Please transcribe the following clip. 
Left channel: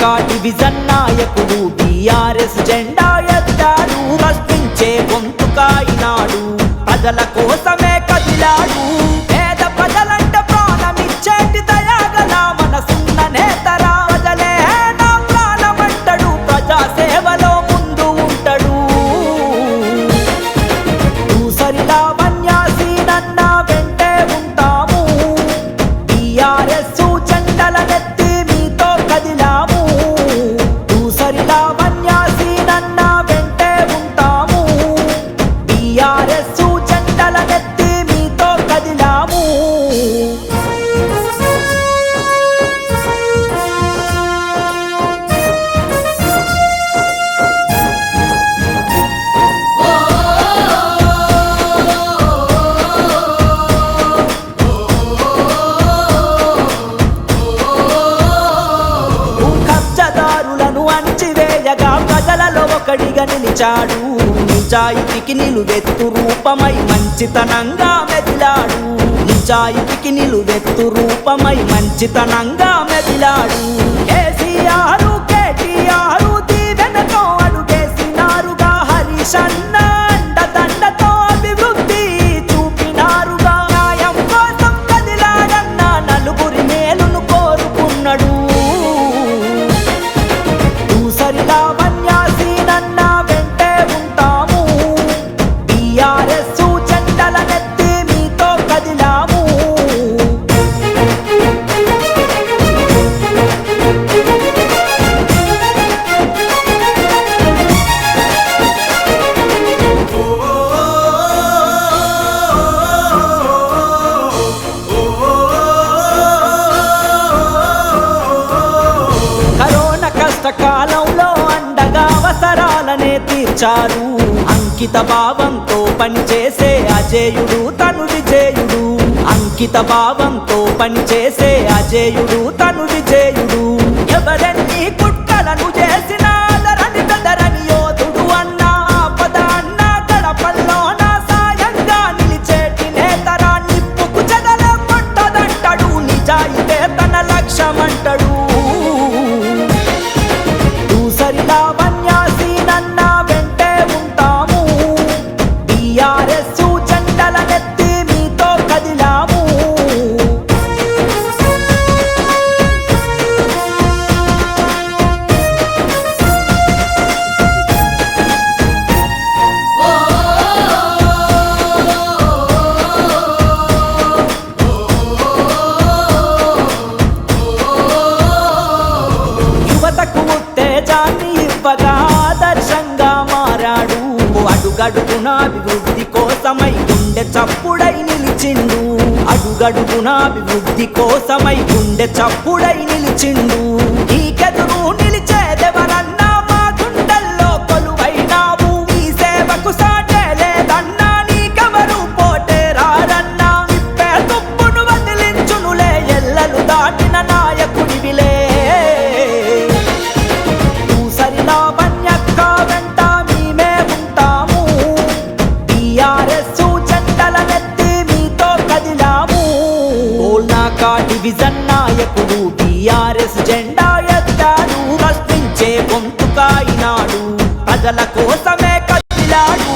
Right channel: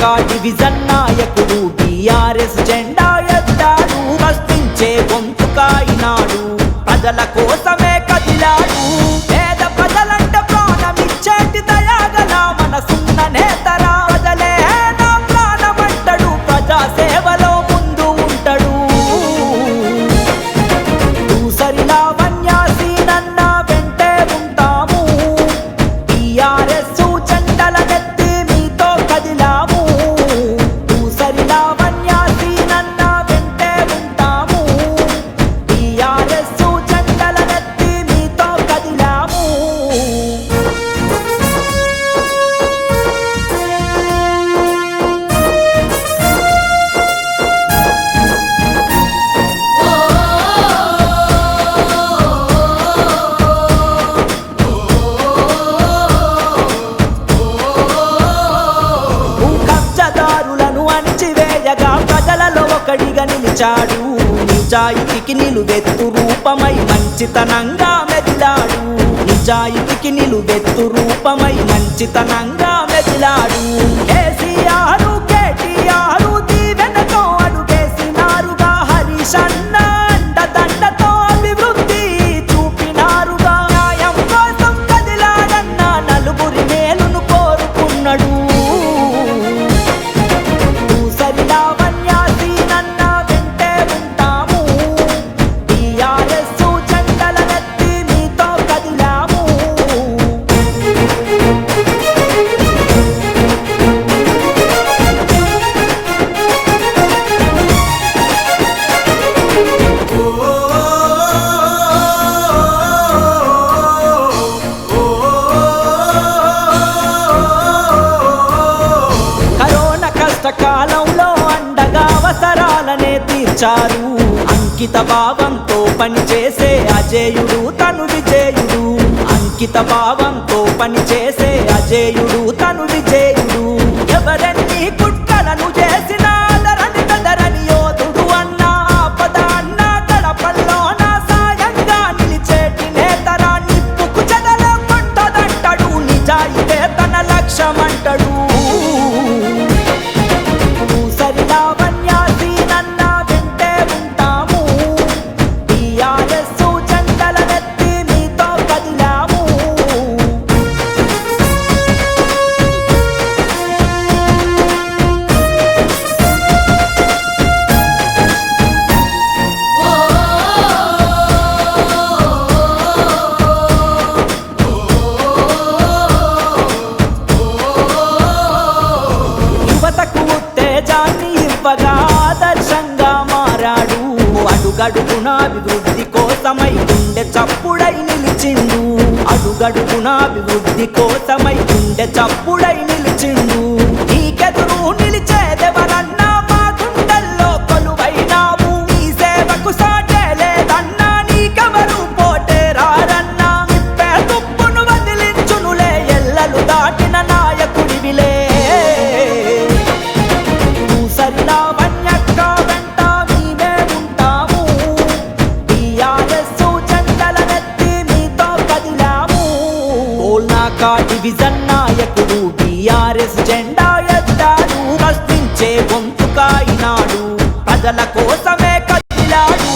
గోల్నాకా division నాయకుడు BRS జెండా ఎత్తాడు. ప్రశ్నించే గొంతుకాయినాడు, ప్రజల కోసమే కదిలాడు. పేద ప్రజలంటే ప్రాణమిచ్చేటి దయాగల మనసున్న నేతరా. ప్రజలే నా ప్రాణమంటాడు, ప్రజా సేవలో ముందు ఉంటాడు. దూసరిలా వన్యాసీనన్న వెంటే ఉంటాము, బీఆర్ఎస్ జెండలనెత్తి మీతో కదిలాము. దూసరిలా వన్యాసీనన్న వెంటే ఉంటాము, బీఆర్ఎస్ జెండలనెత్తి మీతో కదిలాము. కబ్జదారులను అణిచివేయగా ప్రజలలో ఒకడిగా నిలిచాడు. నిజాయితీకి నిలువెత్తు రూపమై మంచితనంగా మెదిలాడు. నిజాయితీకి నిలువెత్తు రూపమై మంచితనంగా మెదిలాడు. కేసీఆర్ కేటీఆర్ దీవెనతో అడుగేసినారుగా. హరీష్ అన్న అండదండతో అభివృద్ధి చూపినారుగా. న్యాయం కోసం కదిలాడన్న నలుగురి మేలును కోరుకున్నాడు. దూసరిలా వన్యాసీనన్న వెంటే ఉంటాము, బీఆర్ఎస్ జెండలనెత్తి మీతో కదిలాము. కరోనా కష్టకాలంలో అండగా అవసరాలనే తీర్చారు. అంకిత భావంతో పనిచేసే అజేయుడు తను విజేయుడు. అంకిత భావంతో పనిచేసే అజేయుడు తను విజేయుడు. ఎవరెన్ని కుట్రలను చేసినా అదరని బెదరని యోధుడు అన్న. ఆపద అన్న గడపల్లోన సాయంగా నిలిచేటి నేతరా. నిప్పుకు చెదల కొట్టదంటాడు, నిజాయితే తన లక్ష్యమంటాడు. దూసరిలా వన్యాసీనన్న వెంటే ఉంటాము, బీఆర్ఎస్ జెండలనెత్తి మీతో కదిలాము. యువతకు ఉత్తేజాన్ని ఇవ్వగా ఆదర్శంగా మారాడు. అడుగడుగున అభివృద్ధి కోసమై గుండె చప్పుడై నిలిచిండు. అడుగడుగున అభివృద్ధి కోసమై గుండె చప్పుడై నిలిచిండు. నీకెదురు నిలిచేదెవరన్నా మా గుండెల్లో కొలువైనావు. నీ సేవకు సాటే లేదన్నా, నీకెవరు పోటే రారన్నా. నిప్పే తుప్పును వదిలించునులే, ఎల్లలు దాటిన నాయకుడివిలే. దూసరిలా వన్యక్క వెంట మేమే ఉంటాము, బీఆర్ఎస్ జెండలనెత్తి మీతో కదిలాము. గోల్నాకా డివిజన్ నాయకుడు బీఆర్ఎస్ జెండా ఎత్తాడు. ప్రశ్నించే గొంతుకాయినాడు, ప్రజల కోసమే కదిలాడు.